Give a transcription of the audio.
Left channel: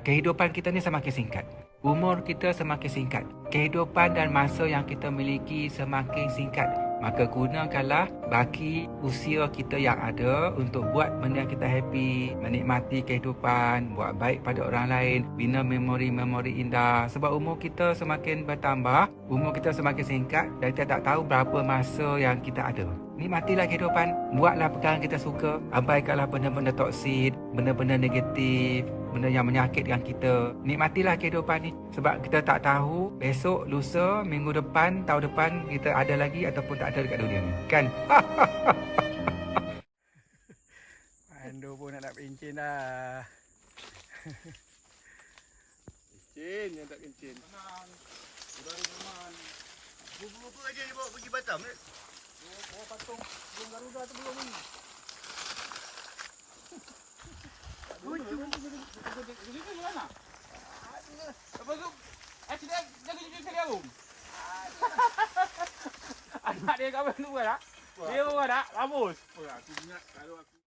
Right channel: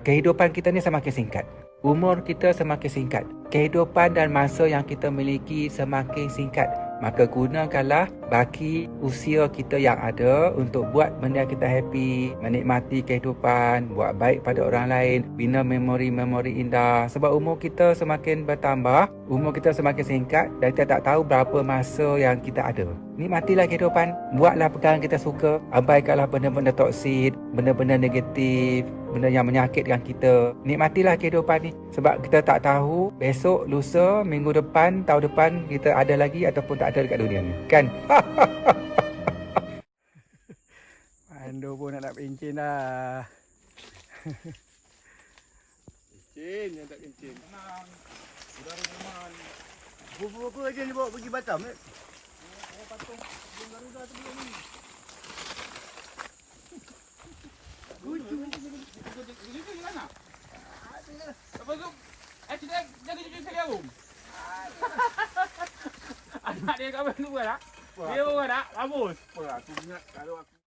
Kehidupan kita ni semakin singkat. Umur kita semakin singkat. Kehidupan dan masa yang kita miliki semakin singkat. Maka gunakanlah baki usia kita yang ada untuk buat benda kita happy, menikmati kehidupan, buat baik pada orang lain, bina memori-memori indah. Sebab umur kita semakin bertambah, umur kita semakin singkat dan kita tak tahu berapa masa yang kita ada. Nikmatilah kehidupan, buatlah perkara yang kita suka, abaikanlah benda-benda toksik, benda-benda negatif, benda yang menyakitkan kita. Nikmatilah kehidupan ni sebab kita tak tahu besok, lusa, minggu depan, tahun depan kita ada lagi ataupun tak ada dekat dunia ni. Kan? Pandu pun nak pencin dah. Kencin yang tak kencin. Tenang. Saudara teman. Berapa aja ni bawa pergi Batam ni? Oh, patung burung garuda tu dia ni. Lucu. Lucu mana? Apa tu? Kita jadi pergi gaung. Anak dia kawan tu dah. Dia orang dah. Rambut. Apa aku ingat kalau aku